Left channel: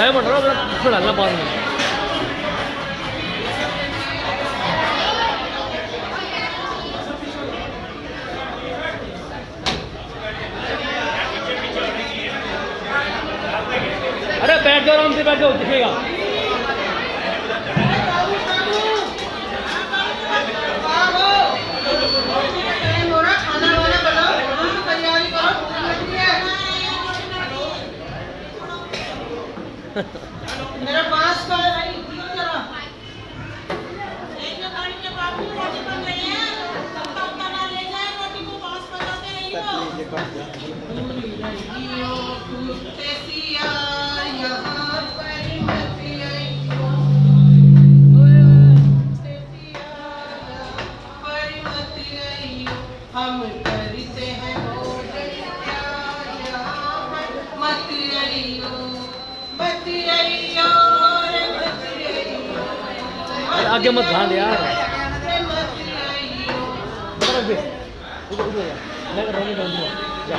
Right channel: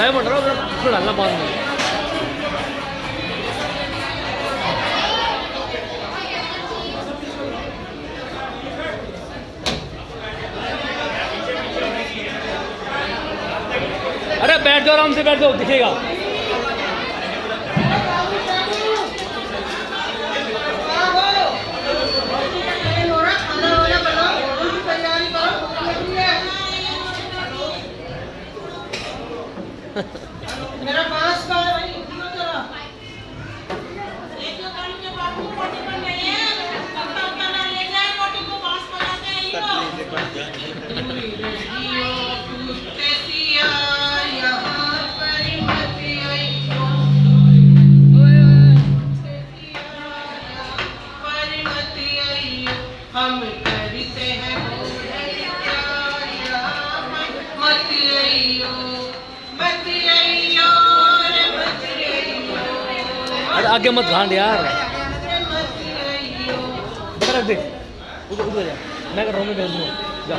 Live बन रहा है उसमें डालना बाद में। अरे बैठ जाओ, आराम से बैठ जाओ, दिखेगा। मेरा पास का हम करते हैं अरे आगे मत घाट यार, रख दे उधर जा, मैं कर रहा हूँ, मैं जा।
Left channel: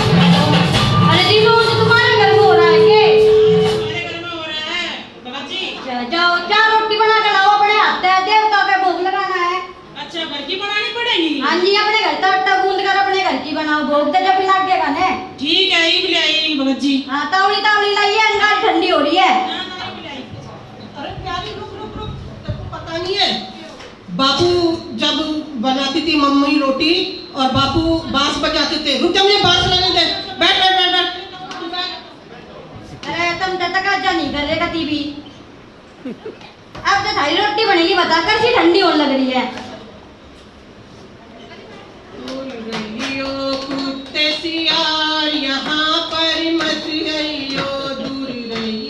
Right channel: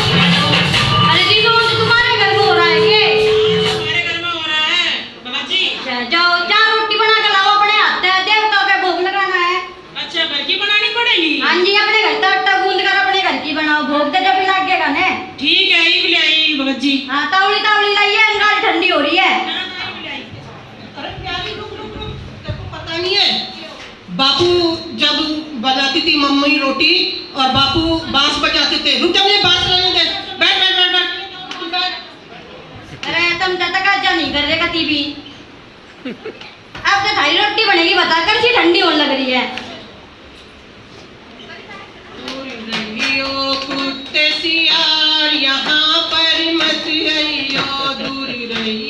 अरे जी तो तुम्हारे घर में हो रहा है ये? हमारे घर में हो रहा है बाबा जी। जाओ चार रोटी बना के लाओ, अपने हाथ से देवता के भोग लगाना है। अच्छा, घर की बनानी पड़ेगी। हाँ जी, अपने घर का आटा गूंद कर अपने घर की बनाओ, भोग दे जब लगेगा ने। ठीक है, एक ले आई बाबा जी। हाँ तावली तावली लाइए, अंगार ठंडी हो रही है। अरे प्यारी, रुक रुक रुक, तेरे को पता नहीं है बापू जब बनाती थी मम्मी रोटी और बापू बांस बजाते थे। रुक जा, मुझे बांस लेने दे। बैठ बैठ बैठ बैठ बैठ। अरे तुम तो तकाजा नहीं कर रहे कती भी। अब तो थाली रोटी बनेगी, बता कर सी ठंडी होने लग रही है। रहियो कुत्ते सियार यहाँ पर मत आइयो, दूर रही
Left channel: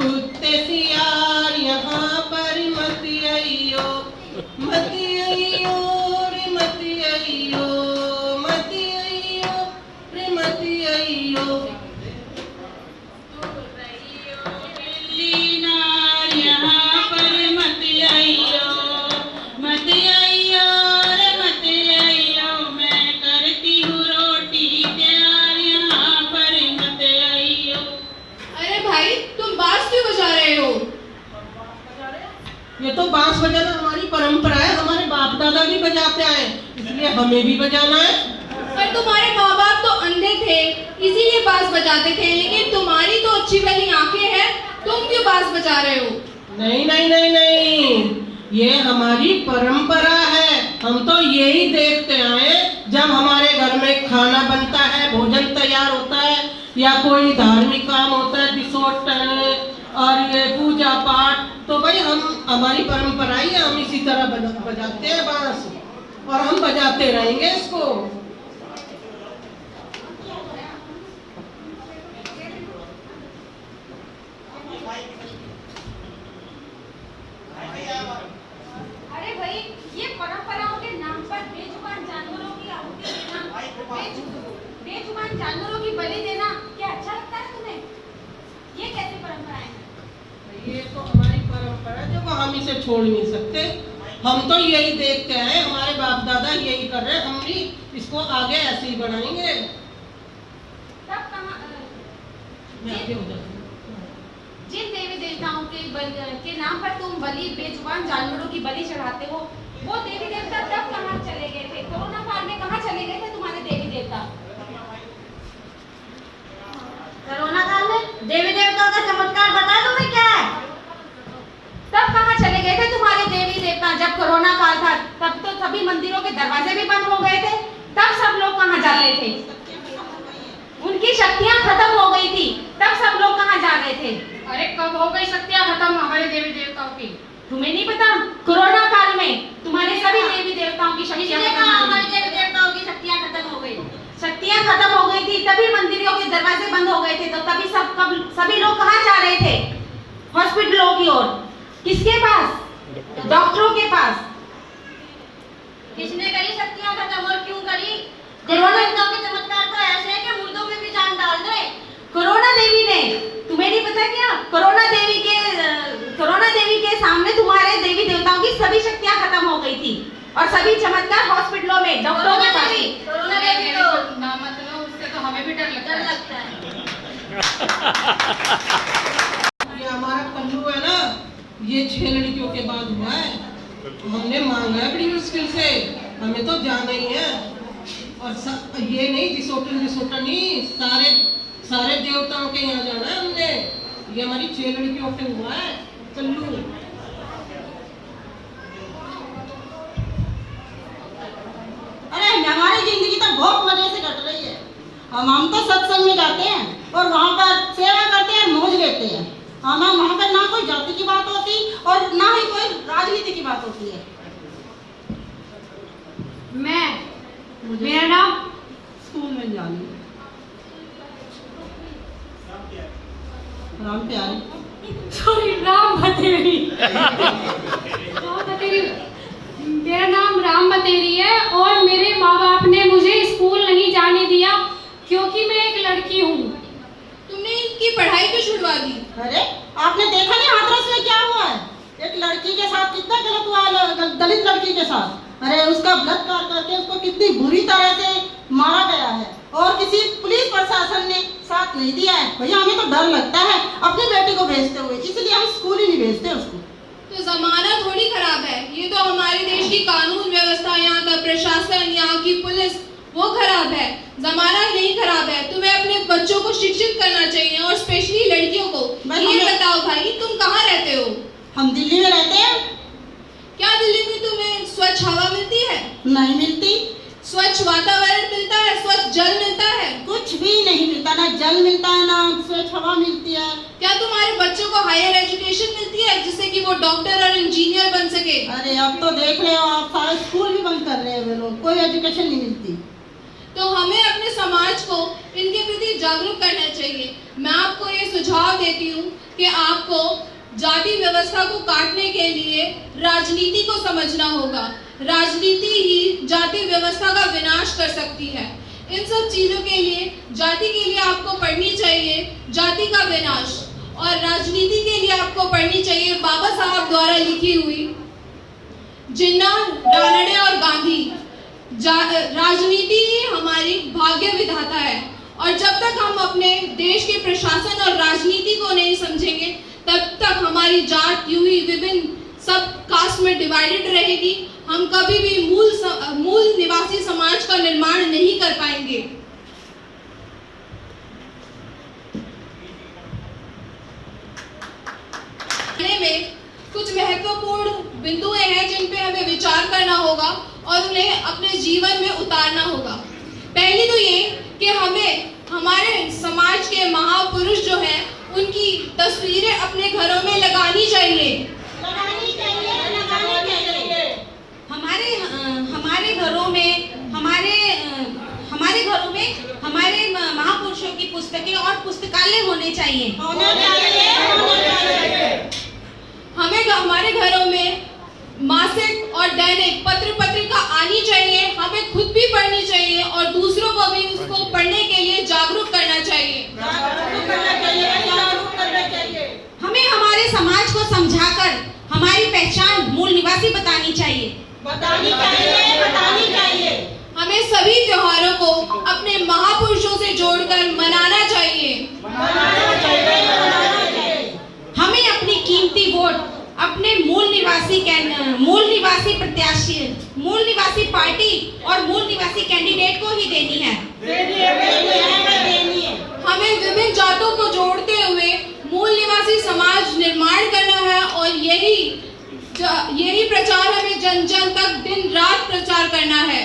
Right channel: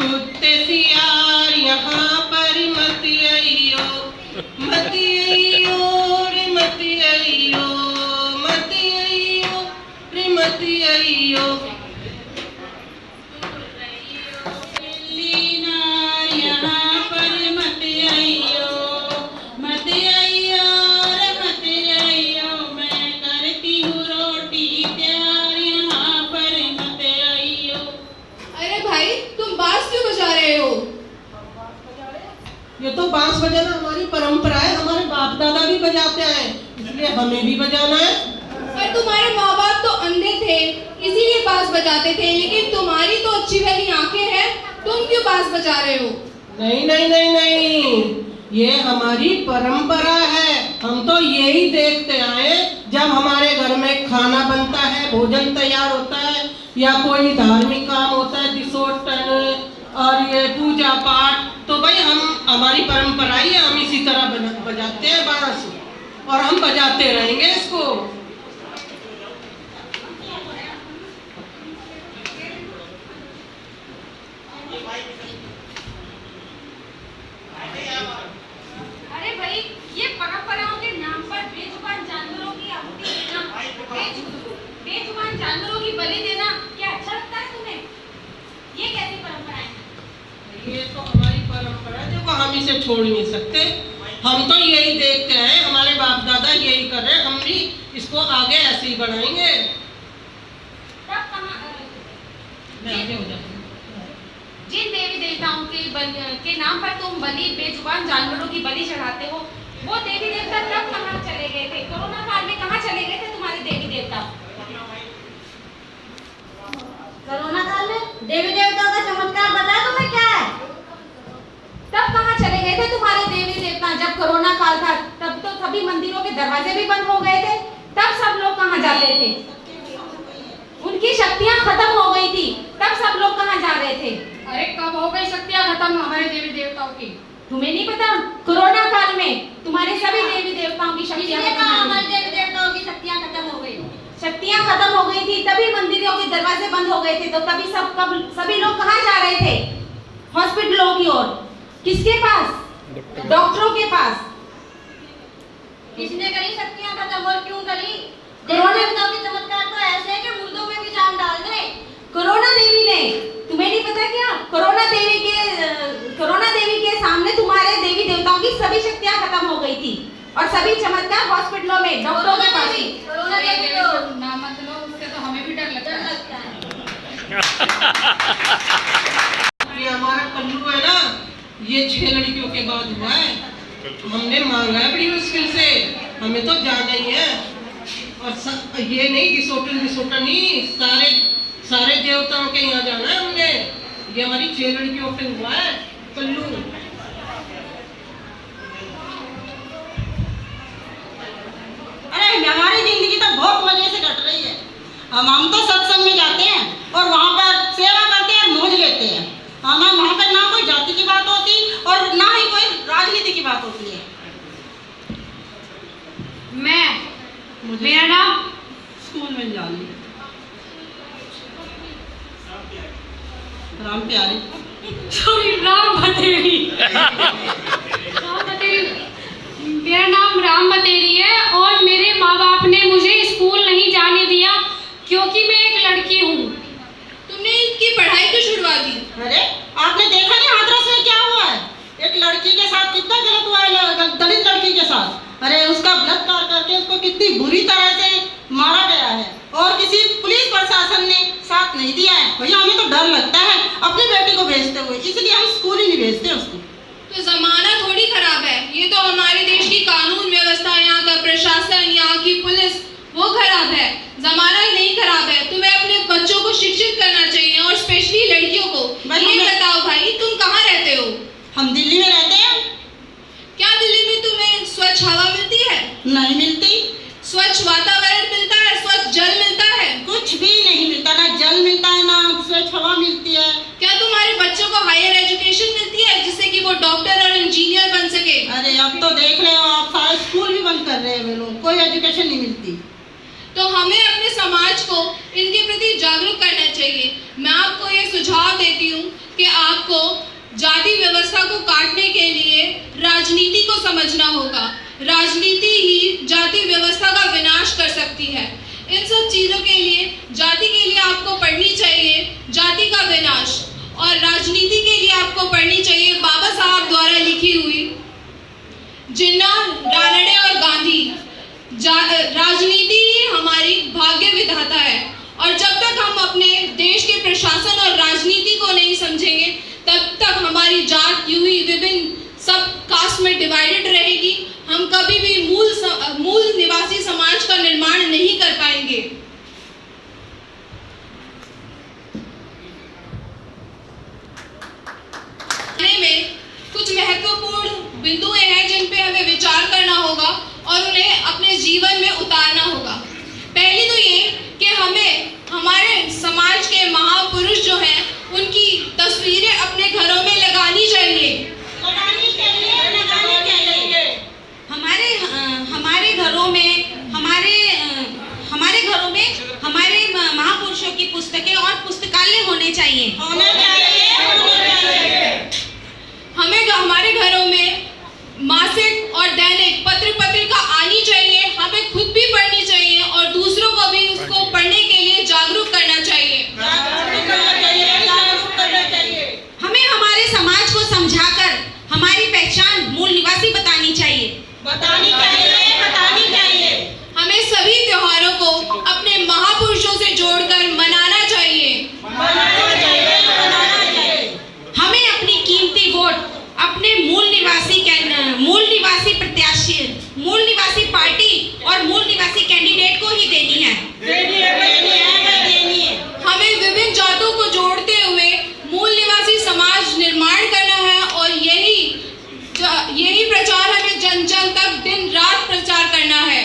कुत्ते सियार यहाँ पर मत आइयो, मत आइयो रे मत आइयो, मत आइयो रे मत आइयो। दिल्ली नार यहाँ पर मत आइयो, मत आइयो रे मत आइयो, मैं करती हूँ रोटी तैयार यहाँ पर मत आइयो। अरे भाई तुम बांस क्यों बजा रहे हो? ये तो बांस बजाना हमारी परंपरा है, हमारे बाप दादा भी बजाते आए, इसलिए हमें भी बजाना है। पर तुम्हारे माँ बाप तो अंधे थे इसीलिए बांस बजाते थे, लेकिन तुम्हारी तो अच्छी भली आंखें हैं, तुम क्यों बांस बजा रहे हो? नहीं नहीं नहीं नहीं, ये हमारी परंपरा है। हम तो यही देखते आए, जब हमारे घर में खाना बनता है, भोजन तैयार होता है या कोई धार्मिक काम होता है, विसर्जन और ये पूजा पाठ, तो भाई हम हमारी परंपरा ही है, हम इसी तरह बजाते हैं बांस और हम बजाते रहेंगे इसको। अरे भाई, ये परंपराओं के नाम पर बेजुबान जानवरों की आहुति देना, बेजुबान जानवरों की बलि देना, क्या अच्छा लगता है तुम्हें? ये कैसी परंपरा है? ये तो हमारी परंपरा है, देखो हम इसे छोड़ नहीं सकते। हम तो यही देखते हैं, हमारे बाप दादा यही कर रहे हैं, हम भी इसको आगे ऐसे ही बढ़ाएंगे। तब कहाँ मैं आगे हो जाती हूँ। जिन देवी देवताओं के नाम पर तुम बलि बेजुबान जानवरों की बलि चढ़ाते हो, वो देवी देवता तब कहाँ चले गए थे? कोरोना काल में कहाँ चले गए थे तुम्हारे देवी देवता? कोरोना काल में देवी देवताओं का चमत्कार पता है तुम्हें क्या है? तब कहाँ चले गए थे तुम्हारे देवी देवता? जब कोरोना काल था तब तो सभी मंदिरों के दरवाजे भी बंद हो गए थे, तब सब लोग कहाँ जाते थे? उनकी शक्तियाँ खत्म हो गई थी, तब सब लोग कहाँ जा रहे थे? अरे कब हो गई शक्तियाँ खत्म हमारे देवी देवताओं की? तुम्हें नहीं पता? कोरोना काल में तुम्हारे सभी देवी देवताओं की शक्तियाँ हमारे देवी देवताओं की शक्तियाँ खत्म हो गई। शक्तियाँ खत्म हो गई थी, तभी मंदिरों के दरवाजे बंद हो गए थे, तो तभी सभी लोग कहाँ जा रहे थे? हॉस्पिटलों की ओर। किसके पास? डॉक्टरों के पास। किसने करी शक्तियां खत्म और क्यों करी? देवताओं के चमत्कार तो ऐसे है कि मुर्दों में भी जान डाल दे। कोरोना देवी ने, तुम्हें नहीं पता क्या? कोरोना देवी के सामने तुम्हारे देवी देवताओं की सभी शक्तियां खत्म हो गई थी और सभी चमत्कार हॉस्पिटलों में डॉक्टरों के पास। कोरोना देवी तो ना मतलब उससे तो हमें भी डर डर लगता है। ये हमारा कल्लू है ना, ये 6 लड़कियों के बाद हुआ है। हमने मांगा है बड़ी मुश्किल से, हमें तो जाना ही है। और ये नहीं घिसोटन नहीं, सारे देवताओं के यहाँ जाना है हमने। ये हमारी 6 लड़कियों पे हुआ है कल्लू। अरे हमारी जिंदगी तो बहुत मजे से कट रही है। हम तो सत्संग में जाते हैं और वहाँ पर सेवा करते हैं, मौज लेते हैं। हमें वहाँ पर ना कोई जाति की बात होती और ना ही कोई राजनीति की बात होती है। मेरा नाम स्कूल में जानी राम प्यारे राम बतेरी। मेरा नाम राम बतेरी है और मेरे माँ बाप ने मुझे स्कूल नहीं जाने दिया क्योंकि मैं एक लड़की हूँ। तुमने इनकी पढ़ाई क्यों छुड़वा दी? अरे आपने देखा नहीं हाथरस में क्या हुआ है? एक लड़की के साथ कितना गलत हुआ है, दलित लड़की के साथ। अरे उसका बलात्कार करके उसको कितनी बुरी तरह से मारा गया है और किसी पुलिस प्रशासन ने साथ नहीं दिया है। भैया हमें तो डर लगता है अपनी बेटी को भेजते हुए, इसलिए हम स्कूल ही नहीं भेजते उसको। तो जमाना थोड़ी खराब है, ये तो हमारे देश की कानून व्यवस्था, यहाँ का प्रशासन, यहाँ की पुलिस वो खराब है। जमाना ही नहीं खराब है। तुम्हें अपने बच्चों को शिक्षित करना चाहिए और स्पेशली लड़कियों को। ये बताओ भाई, तुम कहाँ रहते हो? हम दिल्ली में रहते हैं। क्या दिल्ली में तुम्हें स्वच्छ हवा मिलती है? नहीं मिलती। स्वच्छ वातावरण मिलता है? स्वच्छ जल मिलता है? कुछ भी नहीं मिलता, ना जल मिलता है ना स्वच्छ हवा मिलती है। क्या तुम्हारे बच्चों को हायर एजुकेशन मिलती है जिससे कि वो डॉक्टर और इंजीनियर बन सके? अरे अब तो देख रहे हो आप, सारे स्कूल भी बंद कर रहे हैं वे लोग, कोई एजुकेशन नहीं मिलती। तो हमें अपने समाज को इनके प्रति जागरूक करना चाहिए। मैं आपको ये सुझाव देती हूँ कि आपको जाति व्यवस्था को काटने के लिए राजनीति को समझना होगा। राजनीति ही जाति व्यवस्था का विनाश कर सकती है। इन सब चीजों के लिए, जाति के लिए आपको पढ़नी चाहिए जाति का विनाश, और राजनीति के लिए आपको पढ़नी चाहिए बाबा साहब द्वारा लिखी हुई जिन्ना, रानडे और गांधी। राजनीति ही हमारी भाग्य विधाता है और जब तक हम अपने देश के प्रशासन और राजनीति को नहीं समझेंगे तब तक हमारी जात यूं ही विभिन्न सब कास्ट में डिवाइडेड रहेगी। हम कभी भी मूल निवासी समाज का निर्माण नहीं कर पाएंगे। में कुछ महत्वपूर्ण बिंदुएं हैं जिन पे हमें विचार करना होगा और उन्हें अपने जीवन में उतारना होगा। पहली तो ये कि हमें हमारे समाज के महापुरुष जो हैं उनकी तस्वीरें अपने घरों में लगानी चाहिए। हमारे महापुरुषों की पुस्तकें और पुस्तकालय होने चाहिए। हमें हमारे घरों में मासिक और दैनिक पत्र पत्रिका आनी चाहिए। हमें खुद भी पढ़नी चाहिए और दूसरों को भी उसको पढ़ने के लिए जागरूक करना चाहिए। हमें हमारे समाज को समझाकर हमारी पहचान मूल निवासी बतानी चाहिए। हमें सभी त्योहारों को अपने महापुरुषों से जोड़कर मनाना चाहिए। हमें अपनी कीमती वोट अपने मूल निवासी प्रत्याशी, मूल निवासी पार्टी और मूल निवासी कैंडिडेट को ही देनी है। हमें विभिन्न जातों को जोड़ते हुए मूल निवासी समाज निर्माण करना है और यही प्रचार हमें जन जन तक दिन रात प्रचार करना है।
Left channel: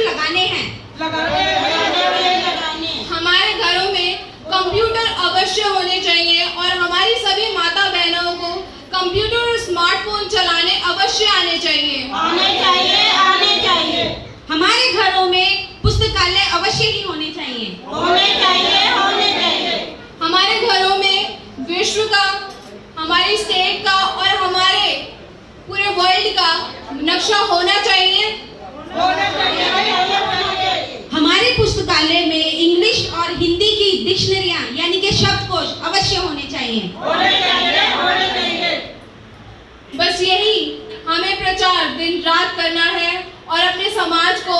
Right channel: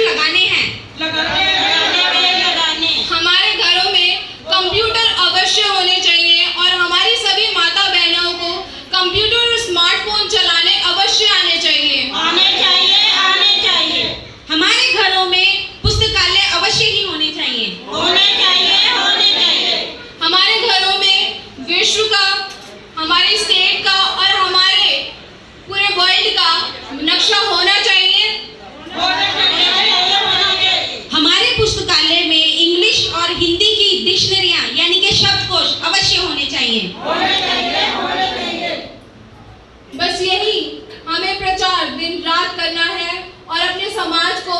लगाने हैं। हमारे घरों में कंप्यूटर अवश्य होने चाहिए और हमारी सभी माता बहनों को कंप्यूटर और स्मार्टफोन चलाने अवश्य आने चाहिए। डिक्शनरियाँ यानी कि शब्दकोश अवश्य होने चाहिए। बस यही हमें प्रचार दिन रात करना है और अपने समाज को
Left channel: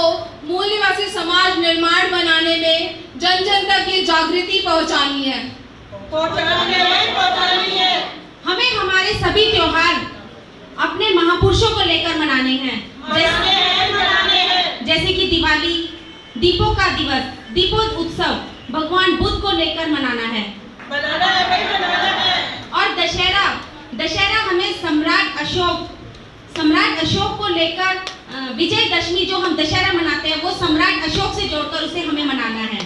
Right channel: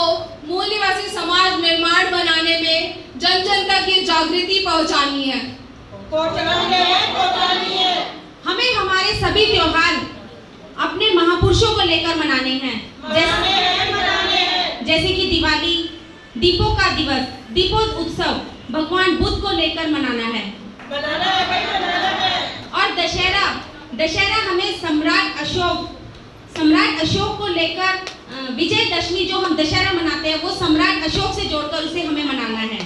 मूल्यवासी समाज निर्माण बनाने में जन जन तक ये जागृति पहुंचानी है। हमें हमारे सभी त्योहार अपने महापुरुषों को लेकर मनाने हैं, जैसे कि दिवाली, दीपों का दिवस, दीपोत्सव भगवान बुद्ध को लेकर मनाना है। और दशहरा हमें सम्राट अशोक को लेकर विजयदशमी जो हम दशहरा मनाते हैं वो सम्राट अशोक से जोड़कर उसे हमें मनाना है।